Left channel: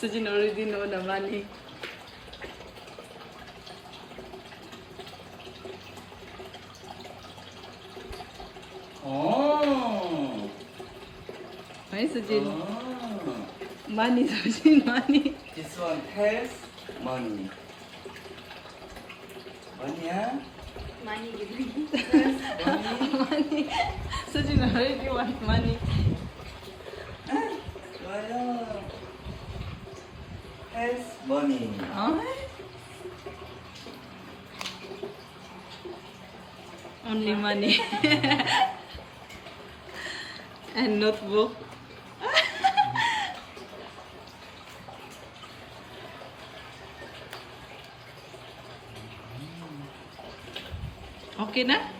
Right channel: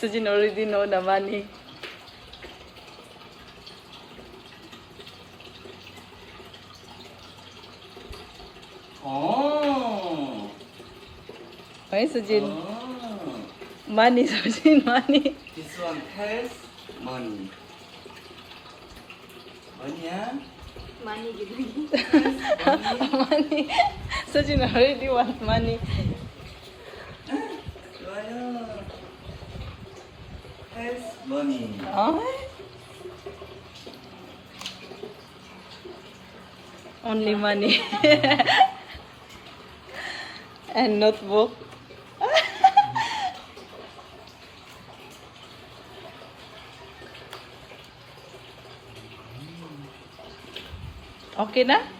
Sujin already know the money. Oh. Why Sujin? Oh. Money, Sujin, money. This one has money. Money, yeah? Money gitu. Money. Sujin already want money. 좋아요. Has money. Oh? Only money. And notebook. Okay na?